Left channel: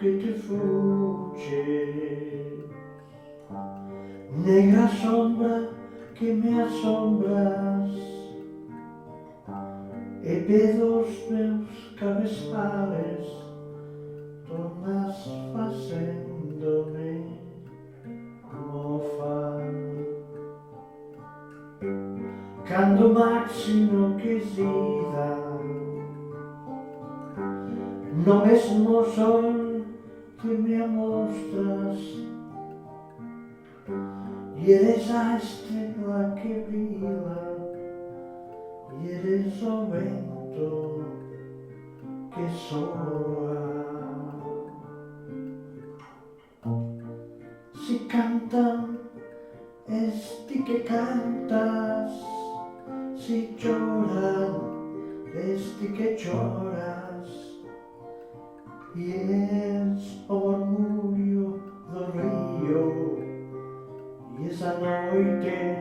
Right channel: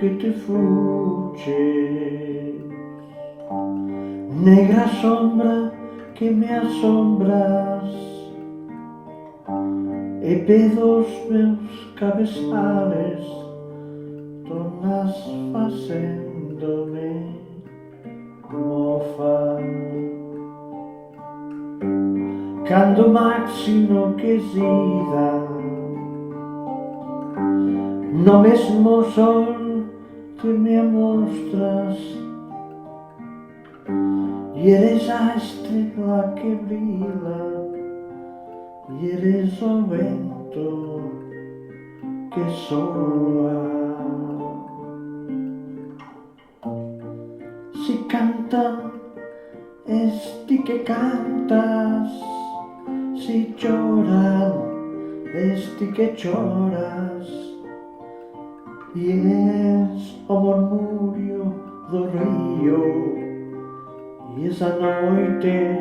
que te fugges, negra sombra que me assombras, e pelos meus cabeçales tornas facendo-me mofa. Cando máis enlouquecida, no mesmo sol te me amostras, e eres a estrela que brila, e eres o vento que soa. Si cantan, es ti que cantas, si choran, es ti que choras, e es o murmurio do río, e esa noite,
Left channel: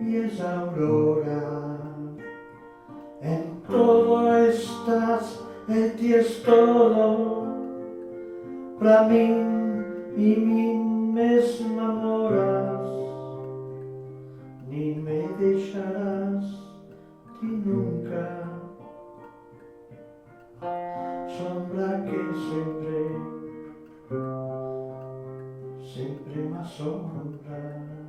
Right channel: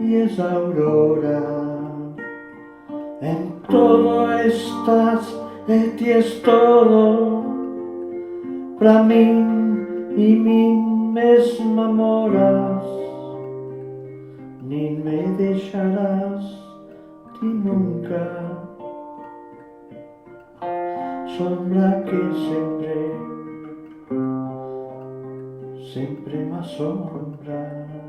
e esa aurora. En todo estás, e ti es todo, pra min e min mesma moras, nin me deixarás ti nunca, sombra que sempre me asombra.